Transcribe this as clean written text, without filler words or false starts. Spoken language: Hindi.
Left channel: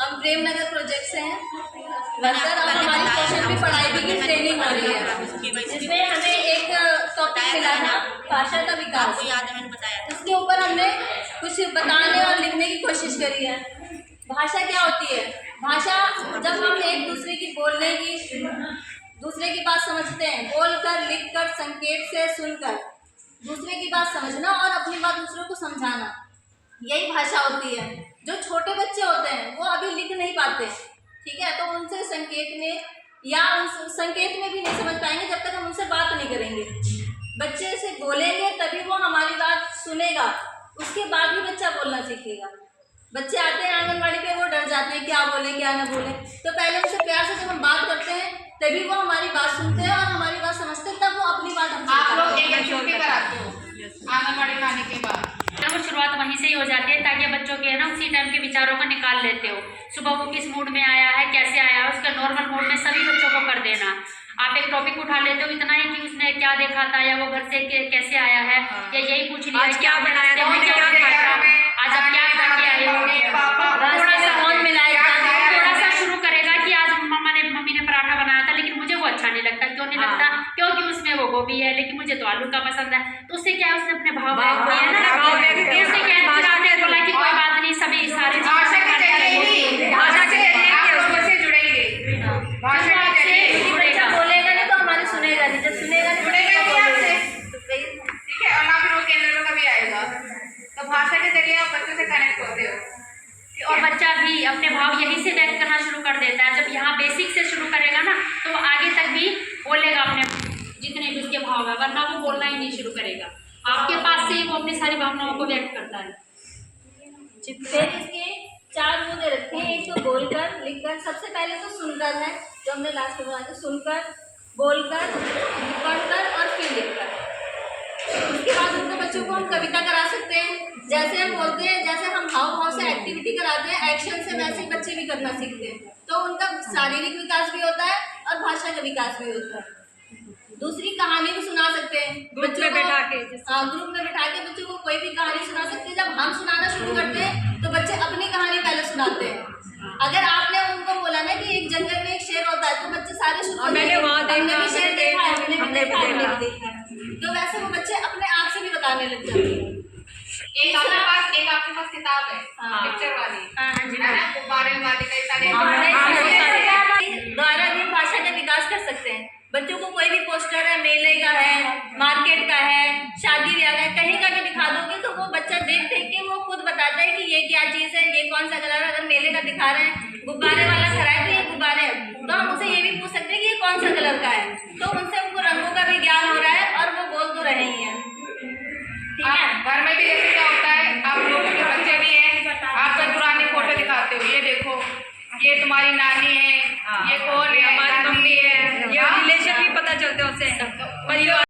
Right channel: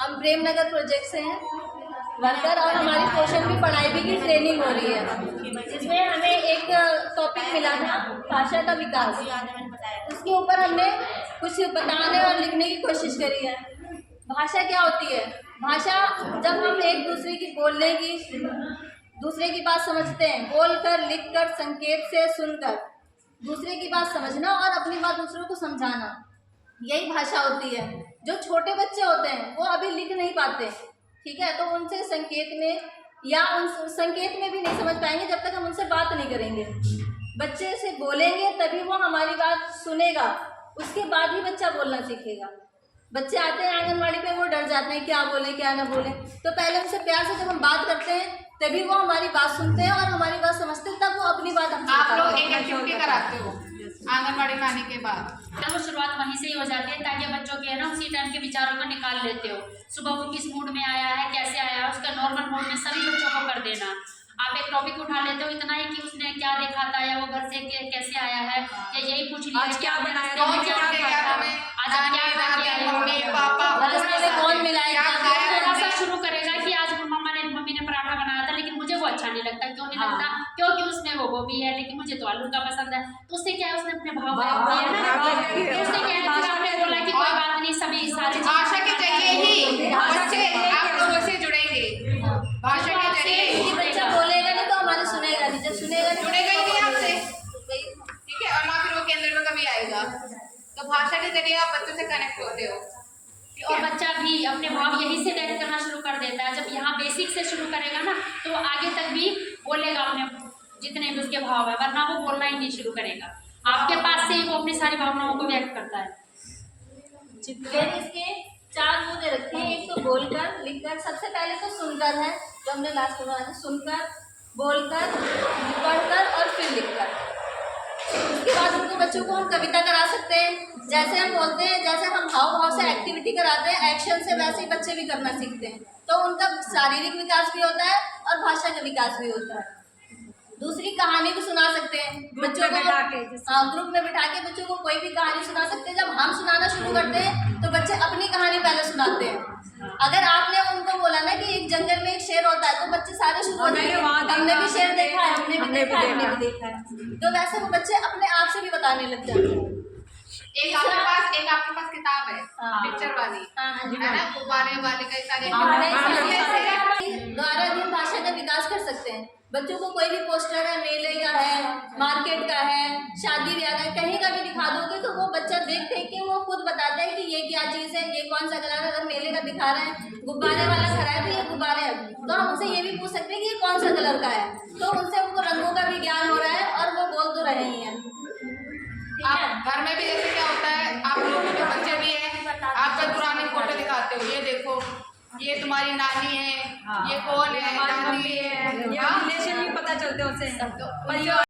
हम प्रेमनगर प्रोजेक्ट से हैं वर्कर और हमारी कौशल भी पढ़ाई भी की ट्रेनिंग हो रही है, जिसमें हमें एक टॉपिक मिला था भाषा का विकास। इसके ऊपर हमने कुछ बताने और लिखने की कोशिश करी है। भाषा क्या होती है? भाषा जब हम एक दूसरे की बोलने की, दूसरे की बात समझते हैं, बोलकर, लिखकर, संकेत से सुनकर दूसरे की बात समझना और अपनी बात दूसरों को समझाना, यही भाषा होती है। जो छोटे बच्चे होते हैं वो अभी लिख नहीं पाते, ठीक है, तो उनसे संकेत में या उन संकेत में भी नहीं समझ पाएंगे जब तक हम उनसे बात नहीं करेंगे। बच्चे से बोलेंगे तभी वो हमारी बात सुनेगा, उसके बाद ही बच्चा बोलना सीखेगा। बच्चे आते हैं आंगनबाड़ी पे, वो डर जाते हैं क्या बोले क्या ना बोले, तो पहले उनसे प्यार से जब हम बात करते हैं तभी वो हमारी बात सुनते हैं और हमारी बात समझते हैं, तब वो अपनी बात हमसे आप लोग एक एक्टिविटी कराते हो आंगनबाड़ी में आने के बाद, वो शुरुआत वहीं से ही हो जाती है ताकि बच्चों के ना उसी टाइम के विचारों को निकाल लेते हो। सुबह वो किस मूड में आया है, कैसे आया है, उसका नॉर्मल मूड में सभी बच्चों को कर देना। आप एक टॉपिक उठा लेते हो इतना ही कि उसने क्या देखा था या वो घर से कैसे आया है, या यही पूछ लिया क्या बनाया था, आज आप क्या खा के आए हो, थोड़ा सा शुरू करेगा कि आज मम्मी ने पराठा बनाया था लेकिन मुझे वो अच्छा नहीं लगता। क्यों नहीं लगता? क्योंकि उसमें वो गोभी है लेकिन मुझे तो आलू का पसंद है। तो उससे क्या है, उसने अपने भाव व्यक्त किए ना, उससे क्या है, फिर आपने बोला कि कोई बात नहीं, सभी सारी बच्चा बोलेगा नहीं तो हमारी सुनेगा नहीं, जब सुनेगा नहीं ठीक है, और ना फिर वो केंद्र में कभी आएगा। तो भाषा के जरिए आप बच्चों से कनेक्ट होते हो और बच्चा भी अपने भाव यहीं से व्यक्त करना शुरू कर देता है। जब यहाँ बेसिक से शुरू करेगा ना तो वो आगे तक भी बोलेगा अपने जितने भी उसके भाव है, वरना वो बोलना ही नहीं शुरू करेगा। आपके पास से ही वो अपनी सारी भावनाओं को व्यक्त करता है। फिर इसके 4 गुण रखे हैं, एक तो बोलकर, लिखकर, सबसे पहले तो सुनकर है जो हमने लास्ट में बताया, सुनकर, बोलकर, पढ़कर और फिर लिखकर। उसके बाद उनको बच्चों को हम कविता करा सकते हैं, जैसे हम बोलते हैं, जैसे हम हाव भाव से एक्टिविटी कराते हैं, एक्शन से, वैसे ही बच्चे भी करना सीखते हैं, तो उनका शारीरिक विकास भी होता है और भाषा का विकास भी होता है। दूसरी कहानी भी सुना सकते हैं बच्चों को, ग्रुप में बिठा के बच्चों को कोई भी कहानी सुना सकते हैं। जब हम सुनाना शुरू करते हैं तो बच्चे अपनी कहानी पहले सुनाते हैं। अगर आपने उनको बोला ना कि एक जंगल में एक शेर होता है तो बच्चे सारे शुरू होते हैं, हमने भी शेर देखा है, हमने भी देखा है, तो वैसे वो बच्चे अपने आप से भी बताने लग जाते हैं। एक आपके पास किताब है पिक्चर वाली, गुब्बारे वाली, कई सारे द्वारा भी भाषा का विकास कर सकते हैं। बच्चों को कोई भी पोस्टर है, मेले का है, मार्केट का है, शादी ब्याह का है, कहीं का भी दिखा दोगे तो वो बच्चा देख देख के वो खुद बताता है कि ये क्या चीज़ है, ये कौन सा कलर है। अगर मेले का दिखा रहे हैं, गुब्बारे वाला खड़ा है तो ये गुब्बारे है, तो हम उनसे ये भी पूछ सकते हैं कि ये कौन सा कलर का है, तो उनसे उनको रंगों का भी ज्ञान हो रहा है और वो बोल तो रहे ही हैं। ठीक है, घर में भी ऐसे क्या होता है, आप लोगों के बच्चे भी हैं, आप कोई पुरानी फोटो दिखाते हो, ये देखो ये तुम्हारी नानी है, ये कौन है, नानी है, रिलेशन भी पता चलते हैं उससे।